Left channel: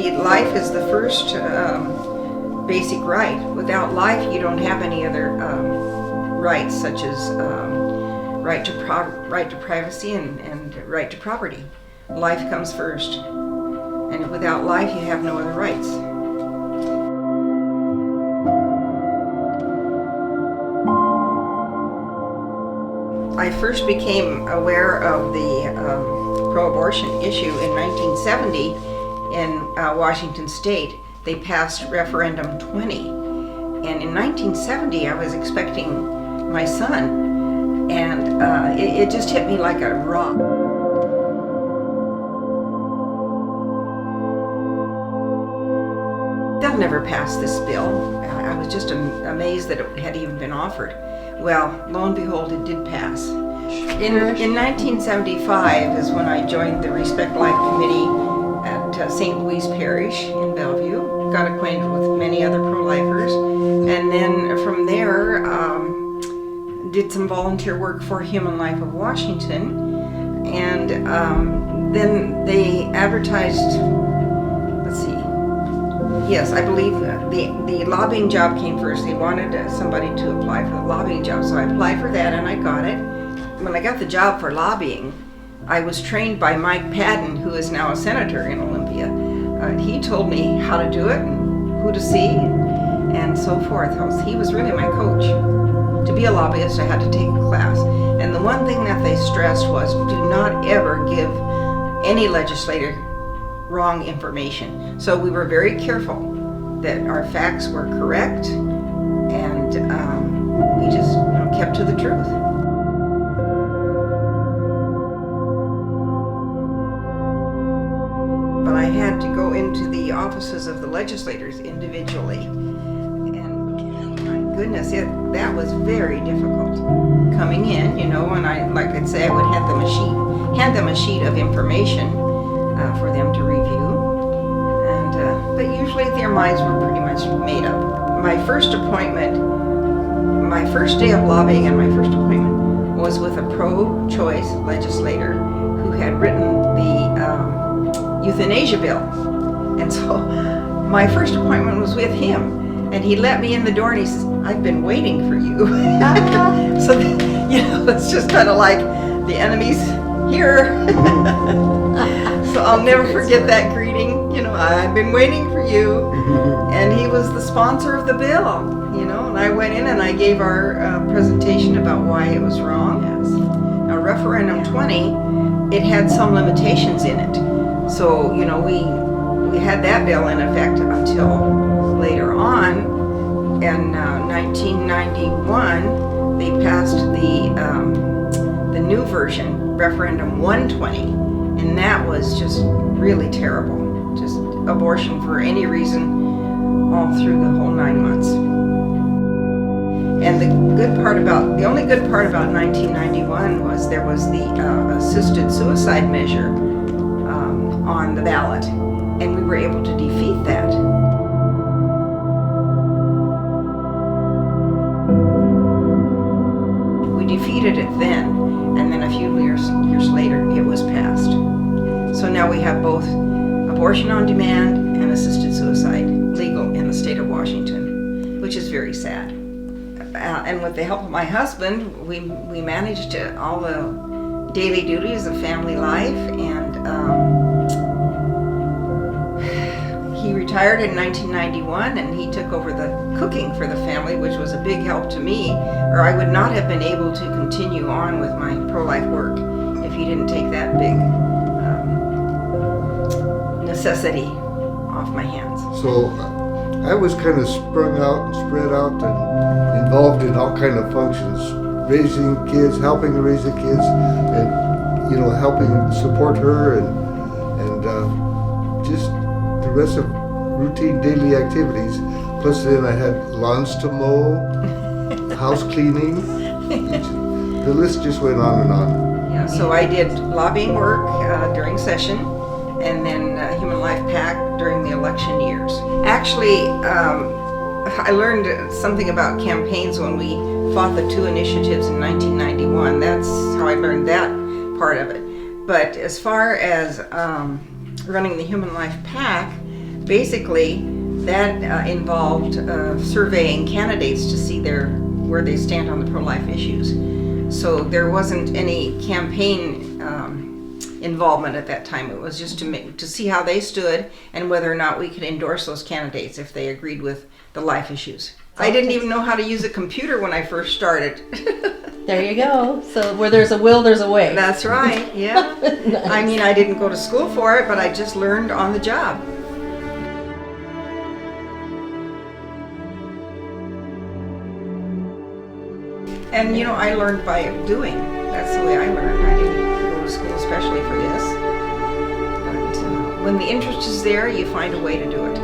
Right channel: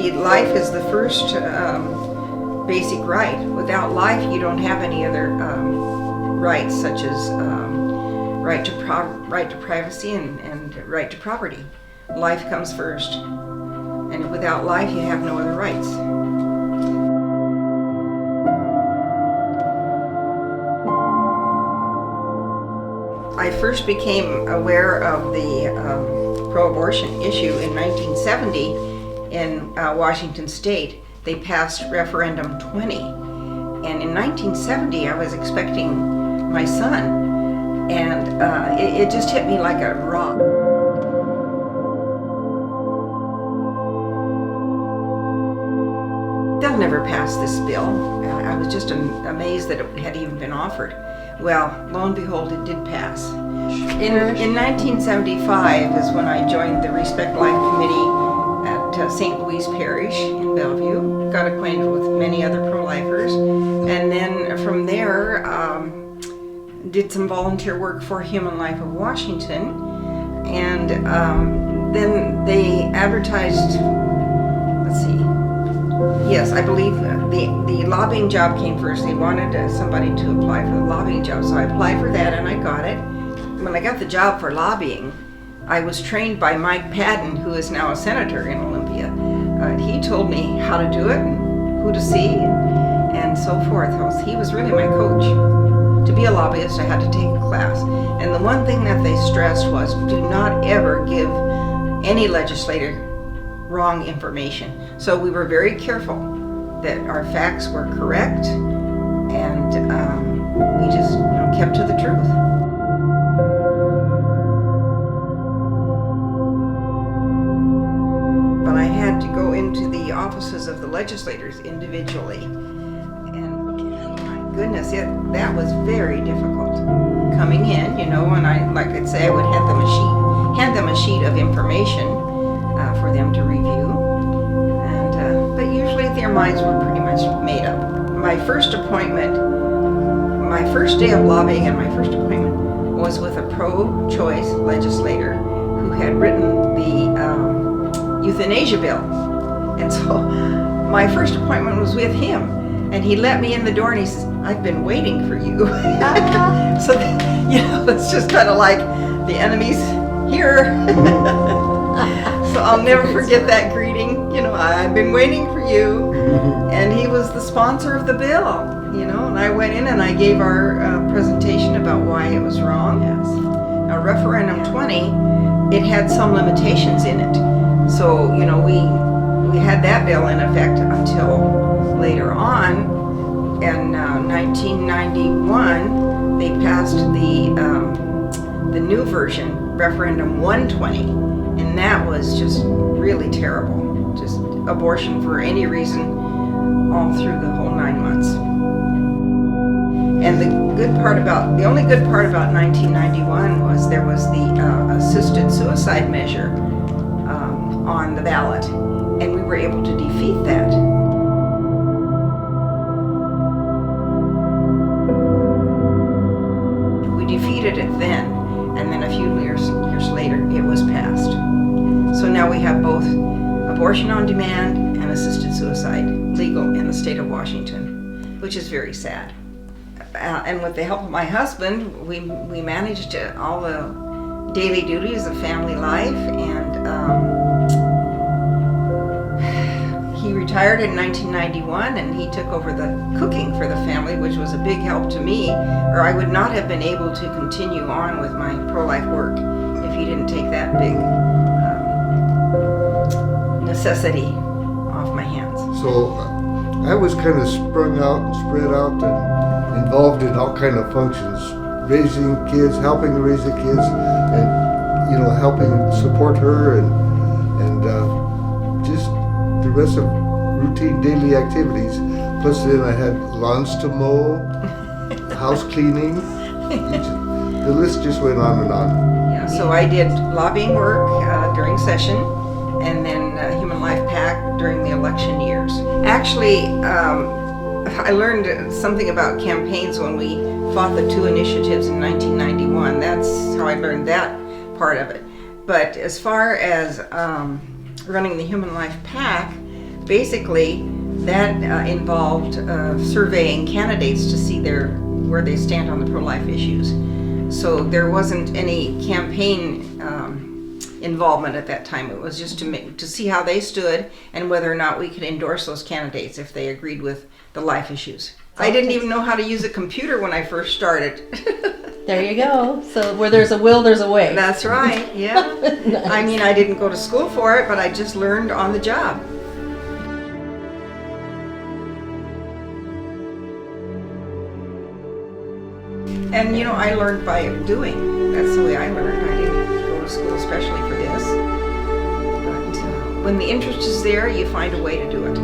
be life is the first basic right. Without life, you don't have any other rights, such as right to privacy and right to property. Life comes first, and without life, you have no other rights. I first became aware of the pro-abortion issue in 1970 in Washington State. They passed Referendum 20. And in 1970, I was expecting my son, and it just hit me like a rock. They'll never pass this bill. I was just amazed that it had even been offered. Well, lo and behold, it did pass. In 1975 is when I joined the Respect Life Committee at St. Louis Parish in Bellevue. Got acquainted with many other pro-lifers, and then from there did some volunteer work for Human Life of Washington, and then they advertised. Let's see. Yes, I believe the lobbying job came first. They wanted somebody to apply for the lobbying job, so I applied for that and I got it. When I got the job for lobbying, I was trained by Mike Padden, who is now a senator in Olympia. He told me how to do it and who to see and so forth. He was really my coach. To be a lobbyist, I had to take a class. And the one thing that they stressed was, do not ever give any legislator wrong information. So we were very careful that our facts were correct, and we just kept to the truth. But I had to go into the offices of the legislators individually, and my goodness, that was very difficult. Coming in, and I'd say I would hand them a sheet of information for them to review, and but usually their minds were pretty much made up. My first day of lobbying and my first appointment was with a pro-choice legislator who had written the euthanasia bill, and so my first appointment was with him, and he let me in the door and he says, "I've been waiting for you." So it's just kind of like the enemy's here. So I'll never forget that greeting. I've been waiting for you. And he was the sponsor of the bill, and I went in and I gave our presentation about why it was wrong. Yes. Now, Referendum 20, it had some limitations in it. So, we had that bill in effect until later on. In 1991, they passed the new version, Referendum 120. And that was just really terrible. Just abortion for any reason, all through the whole 9 months. And the only good part about 1991 was there was the assisted suicide measure on the ballot, and we were able to defeat that. We defeated it then, and then a few years later, it was passed. So now we have both abortion on demand and assisted suicide legal in the state of Washington, which is very sad. And with the help of my husband, we managed all the daily duties of family life, and he retired in 1991, and he took over the cooking for the family, which was a big help to me, or I would not have been able to continue on with my pro-life work if he didn't take that big necessity off my hands. So I was kind of sprung out and spread out and involved in all kind of functions, raising kids, helping to raise the kids, and helping support her, and just the rest of routine daily activities. Plus then I had lawns to mow, house cleaning. The list just went on and on. Yeah, so I did lobbying work during session, and then Human Life PAC during the election years. Actually, I learned something about campaigns when we fought the two initiatives in 1991. That's how I learned that part of it. But as far as running the Human Life PAC, basically that involved surveying candidates to see where they stand on the pro-life issues. So there wasn't any campaign involvement at that time. It was just to see how they stood and whether or not we could endorse those candidates if they agreed with the life issues. I didn't even know how to use a computer when I first started. There you go. So where there's a will, there's a way. That's right, yeah. Nice. I mean, I didn't go to school for it, but I just learned on the job. And you know, I learned by doing. That's the way I learned. I didn't go to school especially for this. But when the interest is there, you find a way to do it.